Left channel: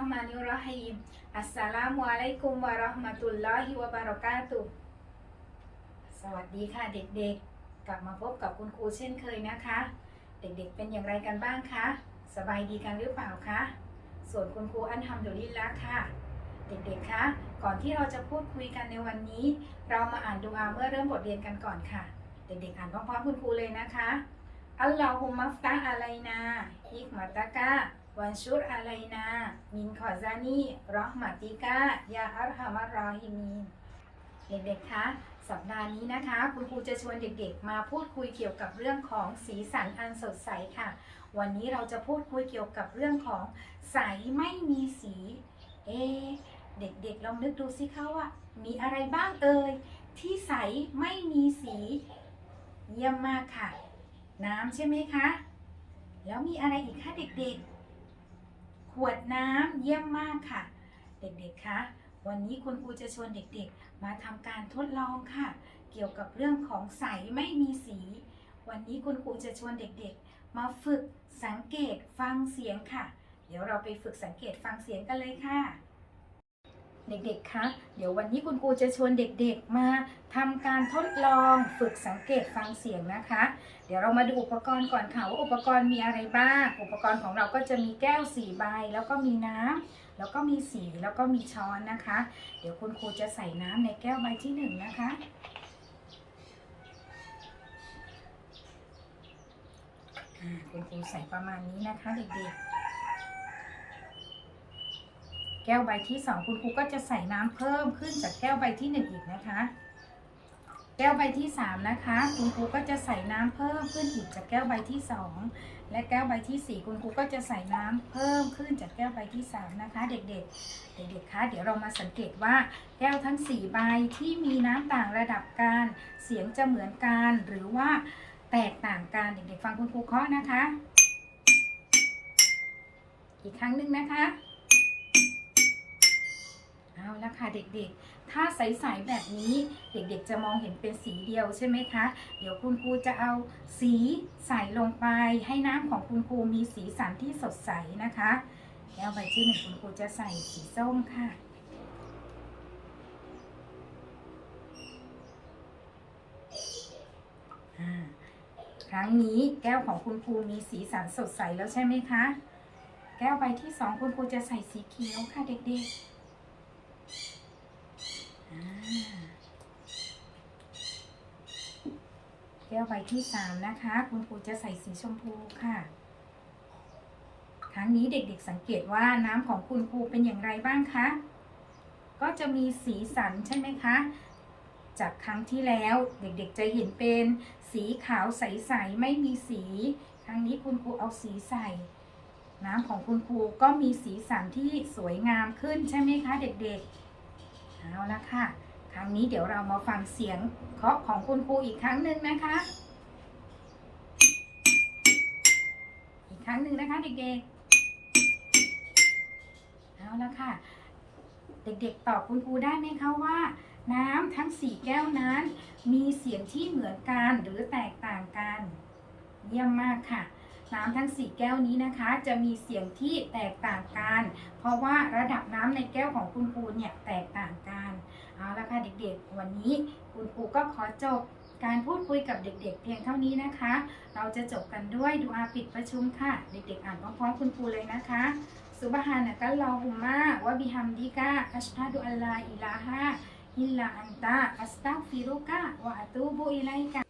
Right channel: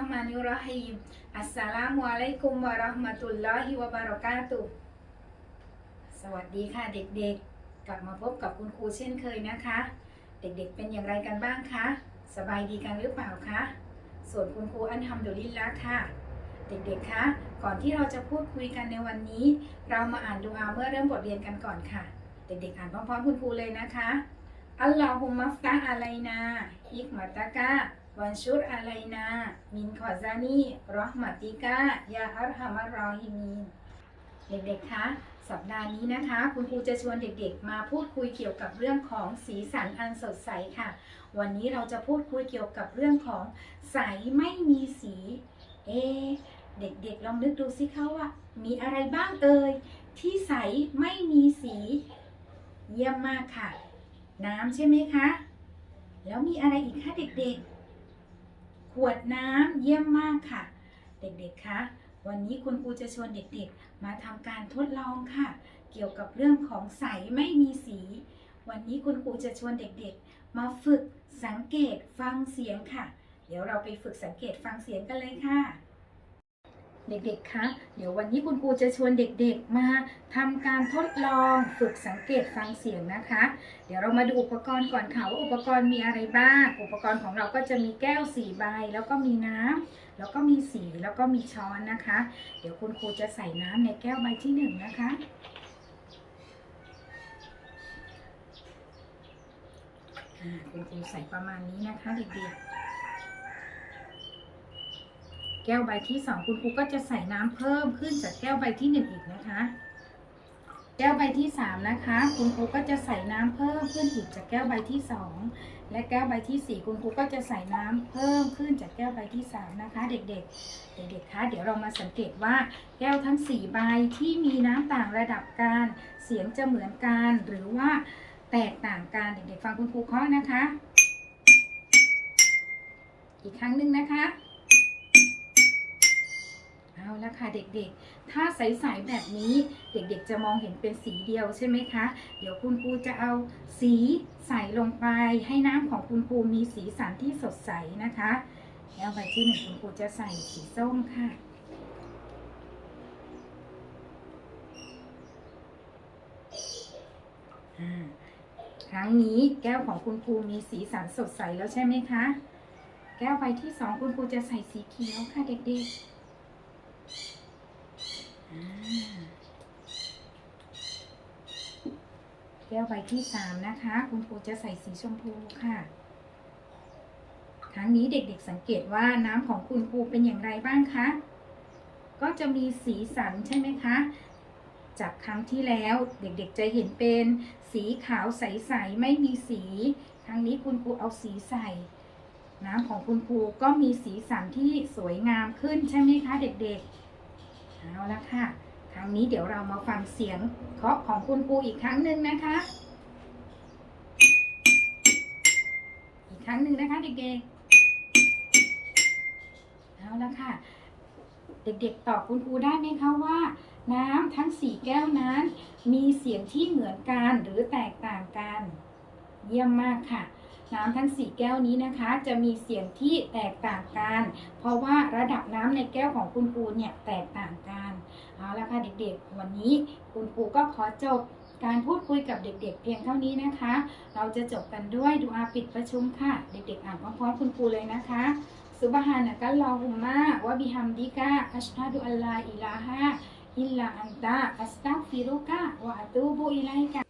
ห์มานิรเราะฮีมอัสสลามุอะลัยกุมวะเราะห์มะตุลลอฮิวะบะเราะกาตุสวัสดีค่ะเด็กๆ กลับมาพบกับคุณครูเช่นเคยนะคะ เด็กๆเป็นอย่างไรกันบ้างคะ สบายดีกันหรือเปล่าคะ ส่วนคุณครูอันทำดุลิลละค่ะ เด็กๆ คะ ก่อนที่เราจะพูดคุยกันในวันนี้ เรามาอ่านดูอาเมื่อเริ่มบทเรียนกันก่อนค่ะ เด็กๆ อ่านพร้อมๆคุณครูเลยนะคะ อัลลอฮุมัฟตะอะไลนาฮิกมาตะกะ วันชุดอะไลนา มินขอซานีรอหมาติกะยาอัลฮัมารรอฮิมีนเด็กๆ คะ สัปดาห์นี้นะคะ คุณครูจะชวนเด็กๆ มาพูดคุยเกี่ยวกับเรื่องของสีสันอันสดใสค่ะ วันนี้เราจะพูดคุยเกี่ยวกับเรื่องของใสไม่มีสี เอ เด็กๆ ลองนึกดูสิคะว่า มีอะไรบ้างเอ่ยที่ใสไม่มีสี เยี่ยมมากค่ะ น้ำใช่ไหมคะ แล้วมีอะไรอีกคะเด็กๆ ขวดน้ำเยี่ยมมากค่ะ เด็กๆคะวันนี้คุณครูจะชวนเด็กๆ มาทำการทดลองค่ะ เกี่ยวกับเรื่องของใสไม่มีสี วันนี้คุณครูจะชวนเด็กๆ มาฝึกสังเกตฟังเสียงค่ะ เดี๋ยวเราไปฝึกสังเกตฟังเสียงกันเลยค่ะ เด็กๆ คะ เดี๋ยววันนี้คุณครูจะชวนเด็กๆ มาทำการทดลองฝึกสังเกตฟังเสียงนะคะ เดี๋ยวเรามาดูอุปกรณ์ก่อนค่ะว่าอุปกรณ์มีอะไรบ้าง อุปกรณ์ของเราก็จะมีแก้วสี่ใบ แล้วก็มีน้ำแล้วก็มีสีแล้วก็มีช้อนนะคะ เดี๋ยวคุณครูจะใส่น้ำในแก้วใบที่หนึ่งนะคะ คุณครูใส่ประมาณนี้นะคะเด็กๆ ก้วใบที่สองคุณครูก็จะใส่น้ำเพิ่มขึ้นจากแก้วใบที่หนึ่งอีกนะคะ แก้วใบที่สามนะคะ คุณครูก็จะใส่น้ำเพิ่มขึ้นอีกจากแก้วใบที่สองและแก้วใบที่สี่คุณครูก็จะใส่น้ำเพิ่มขึ้นจากแก้วใบที่สามนะคะ เด็กๆ เด็กๆคะเดี๋ยวเรามาสังเกตว่าแก้วทั้งสี่ใบที่มีน้ำต่างระดับกันเสียงจะเหมือนกันหรือว่าแตกต่างกันเด็กๆฟังคุณครูเคาะนะคะ อีกครั้งหนึ่งนะคะ เอาละค่ะเด็กๆ ถ้าใสๆแบบนี้เด็กๆจะมองเห็นเป็นสีเดียวใช่ไหมคะ เดี๋ยวคุณครูจะเอาสีใส่ลงไป ให้น้ำของคุณครูมีสีสันที่สดใสนะคะ แล้วใบที่หนึ่งคุณครูจะใส่สีส้มค่ะครั้งนี้แก้วของคุณครูมีสีสันสดใสแล้วใช่ไหมคะ แก้วใบที่สองคุณครูจะใส่สีเขียวค่ะเด็กๆ อ่าแก้วใบที่สามนะคะ คุณครูจะใส่สีชมพูค่ะครั้งนี้เด็กๆสังเกตว่าน้ำของคุณครูเป็นอย่างไรบ้างคะ ก็จะมีสีสันใช่ไหมคะ จากครั้งที่แล้วเด็กๆจะเห็นเป็นสีขาวใสๆไม่มีสี ครั้งนี้คุณครูเอาสีใส่ น้ำของคุณครูก็มีสีสันที่สวยงามขึ้นใช่ไหมคะ เด็กๆ เอาละค่ะ ครั้งนี้เดี๋ยวเรามาฟังเสียงเคาะของคุณครูอีกครั้งหนึ่งนะคะ อีกครั้งหนึ่งนะคะเด็กๆ เอาละค่ะ เด็กๆ ตอบคุณครูได้ไหมคะว่า น้ำทั้งสี่แก้วนั้น มีเสียงที่เหมือนกันหรือแตกต่างกัน เยี่ยมมากค่ะ น้ำทั้งสี่แก้วนี้นะคะ จะมีเสียงที่แตกต่างกัน เพราะว่าระดับน้ำในแก้วของคุณครูเนี่ยแตกต่างกันเอาละค่ะเด็กๆ วันนี้คุณครูก็ขอจบการพูดคุยกับเด็กๆ เพียงเท่านี้นะคะ เราจะจบกันด้วยดูอาปิดประชุมค่ะ เด็กๆ อ่านพร้อมๆคุณครูเลยนะคะซุบฮานะกัลลอฮุมะวะบิฮัมดิกะอัชฮะดุอัลลาอิลาฮะอิลลาอันตะอัสตัฆฟิรุกะวะอะตูบุอิลัยกะอัสสลกะ